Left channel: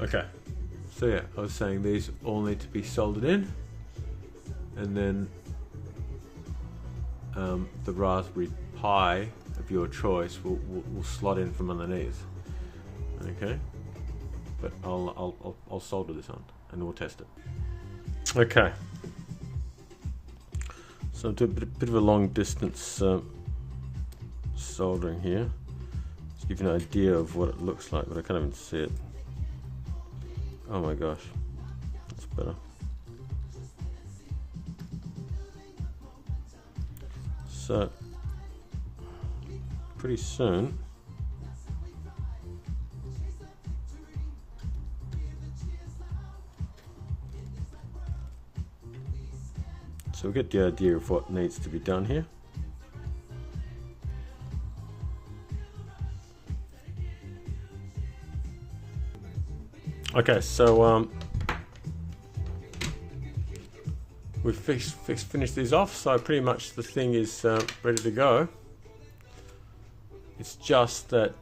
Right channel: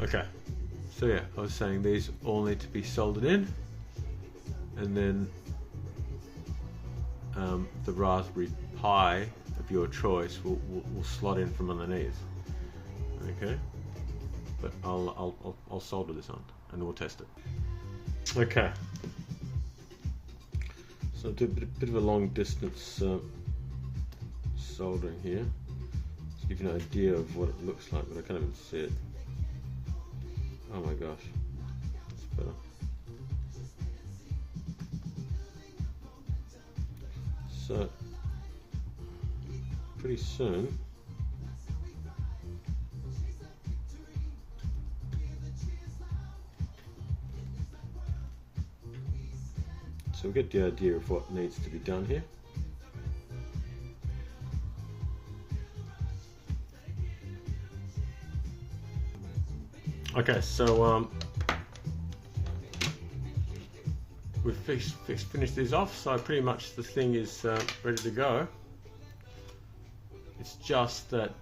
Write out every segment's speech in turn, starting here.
Okay, so yeah, I was saying these all need to be soldered in, and then the Raspberry Pi of your choice will slot in from underneath. Okay, but I'll solder this on and we'll test it. Okay, so I'll do a bit of a long distance soldering here to give you an idea of what it looks like, but I can't even see it. Oh my gosh, that's better. So pretty soon we'll get the idea of what needs to be done here. Okay, so we've finished these off, so pretty much the thing is ready to go. It's just that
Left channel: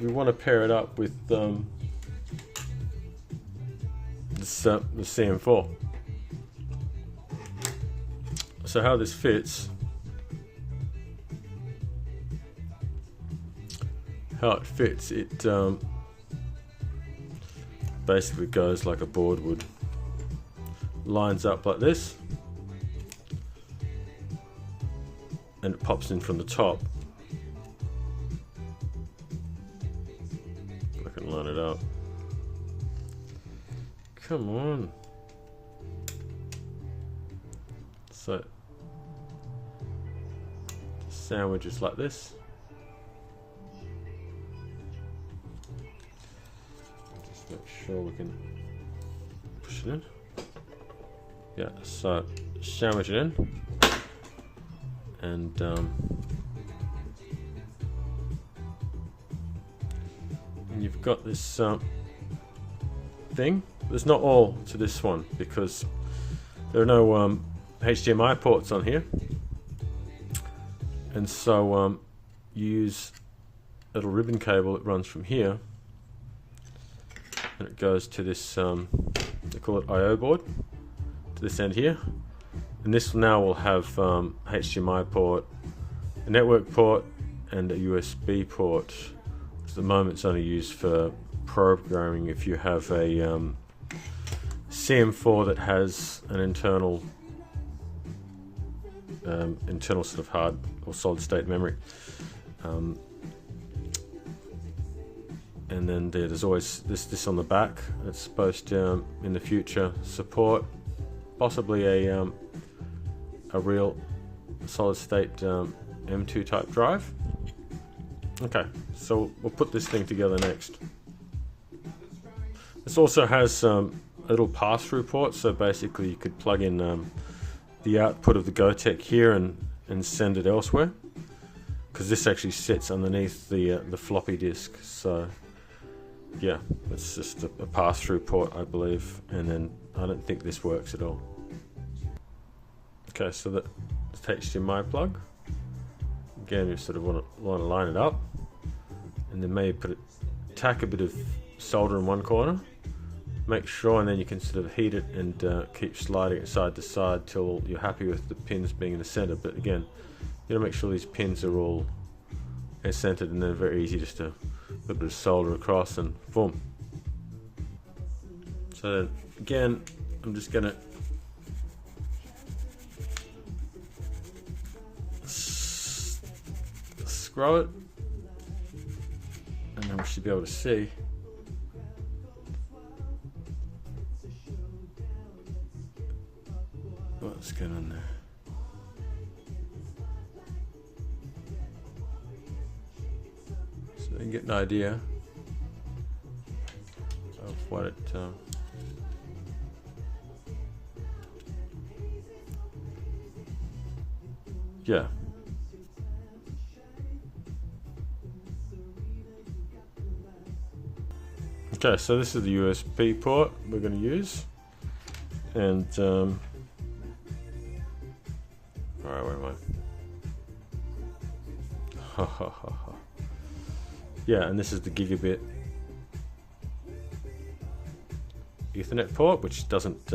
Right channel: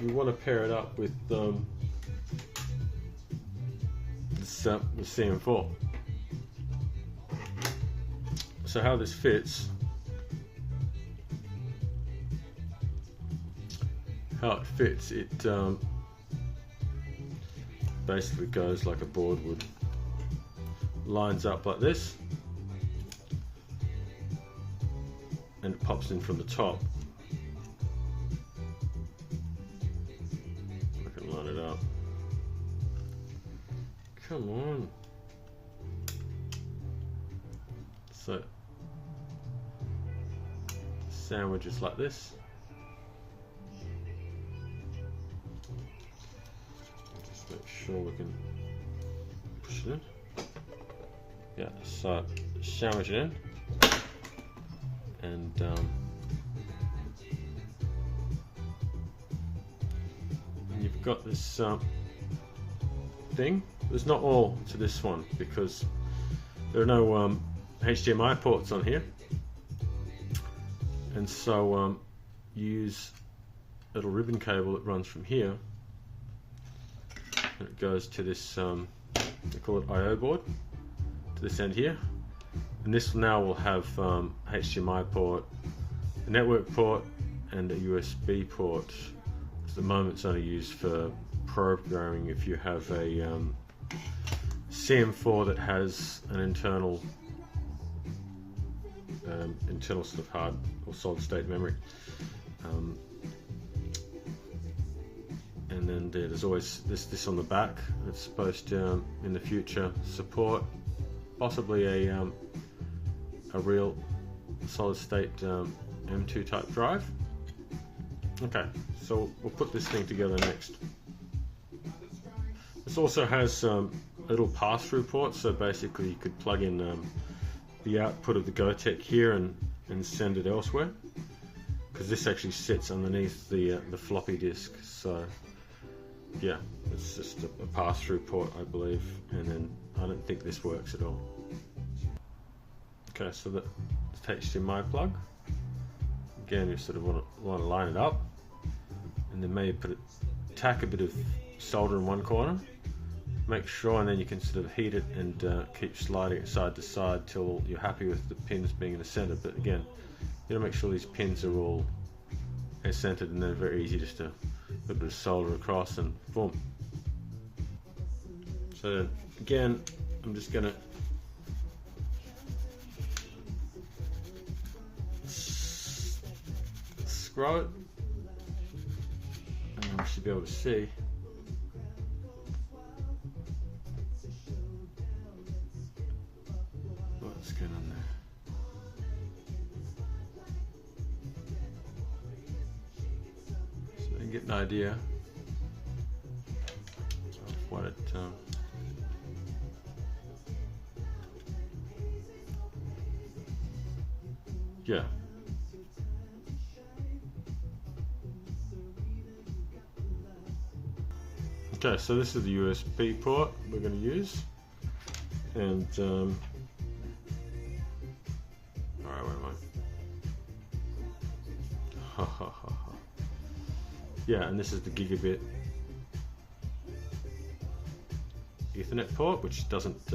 we want to pair it up with the CM4. So how this fits, it basically goes like a board would. Lines up like this, and it pops in from the top. I can line it up. Come on. So sandwiches like this. Just not sure we can push it in. Yeah, so sandwich it in, and you've got this thing. There's not all to this one because there are no HDMI ports on here, and so you use a little ribbon cable that runs from here, and it goes to this they call it I/O board, to this end here, and this now will have HDMI port, a network port, and a USB port. At the moment it's only used for programming if you have a CM4 that has an internal sort of hard or solid state memory, and then there's always this on the back. It's supposed to in the future support possibly a real solid state M2 type drive. Okay, so we'll put this thing together next. This also has a little pass-through port, so basically you could plug in the output of the Gotek here and send it elsewhere, because this actually sits underneath the floppy disk. So yeah, it's just a pass-through port, I believe, and then I don't think this works at all. Okay, so the HDMI plug, again you sort of want to line it up, and then maybe tack a bit of solder in one corner, make sure, and then you can sort of heat it and keep sliding it side to side till you're happy with the pins being in the center. But again, you gotta make sure these pins are all centered, and they're very easy just to put a bit of solder across and boom. So then, again, I'm just gonna screw it, and then we should be able to see. What's going on there? So you can get an idea of what it yeah. Okay, so this is the USB port we're going to use, and where am I? Yeah, and this is the gigabit Ethernet port, which doesn't,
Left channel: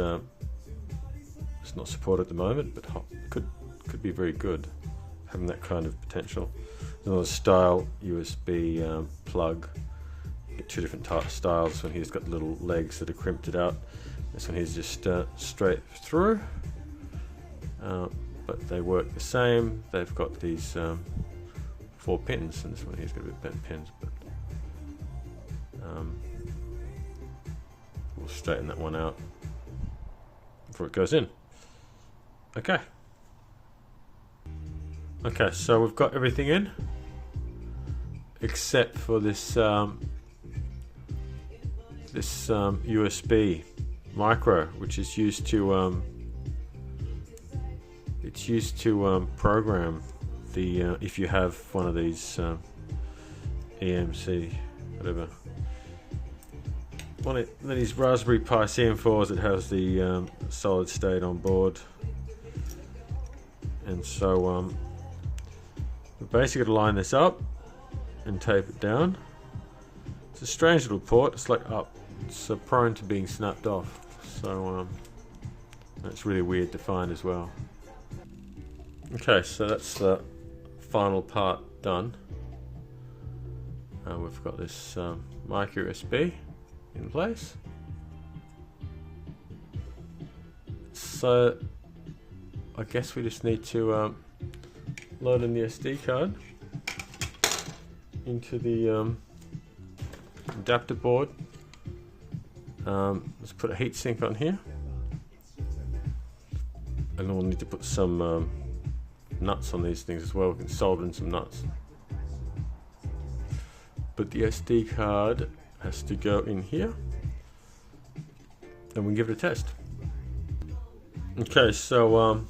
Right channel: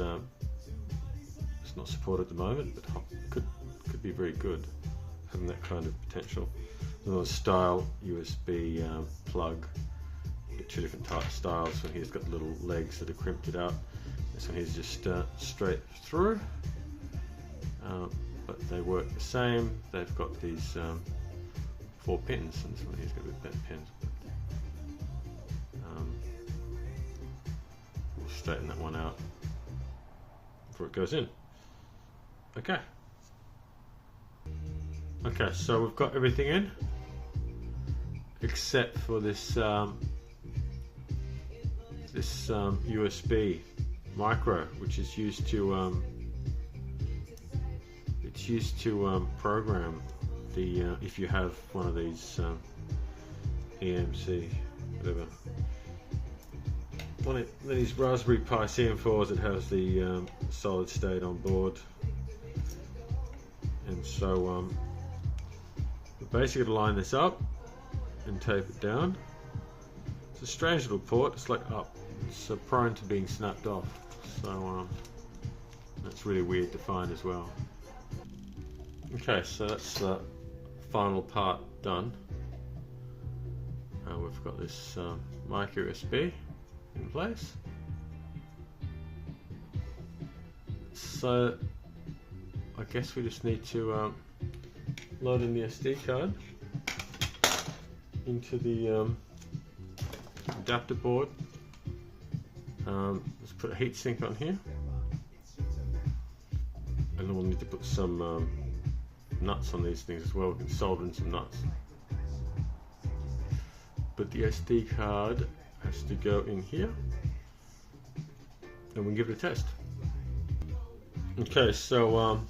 it's not supported at the moment, but could be very good, having that kind of potential. Another style USB plug. You get two different type of styles. This one here's got little legs that are crimped it out. This one here's just straight through, but they work the same. They've got these 4 pins, and this one here's got a bit better pins. But, we'll straighten that one out before it goes in. Okay. Okay, so we've got everything in except for this USB micro, which is used to program the if you have one of these EMC whatever, one of these Raspberry Pi CM4s that has the solid state on board. And so we basically got to line this up and tape it down. It's a strange little port. It's like up. It's prone to being snapped off. So that's really weird to find as well. Okay, so that's the final part done. We've got this micro USB in place. So I guess we just need to load in the SD card into the adapter board. Let's put a heatsink on here, and then we'll need to put some nuts on these things as well. We can solder in some nuts, but the SD card has to go in here, and we can give it a test. Okay, so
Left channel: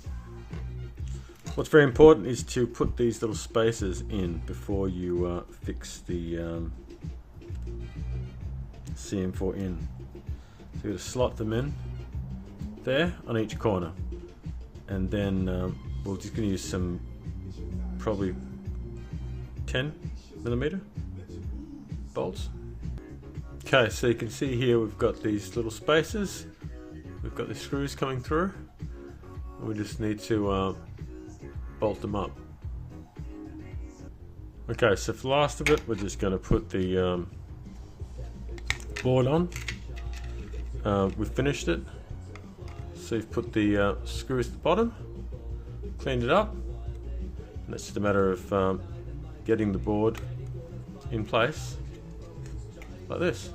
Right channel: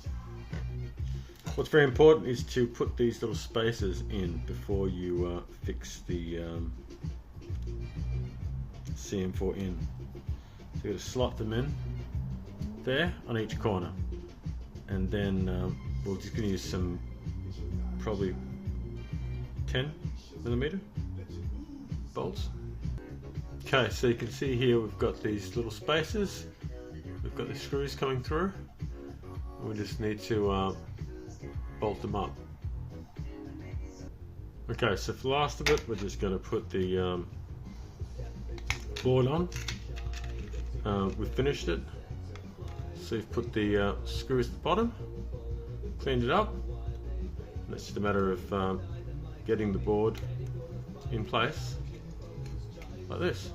what's very important is to put these little spacers in before you fix the CM4 in. So you're going to slot them in there on each corner, and then we're just going to use some probably 10mm bolts. Okay, so you can see here we've got these little spacers, we've got the screws coming through, and we just need to bolt them up. Okay, so for the last of it, we're just going to put the board on. We've finished it, so you've put the screws at the bottom, cleaned it up, and it's just a matter of getting the board in place like this.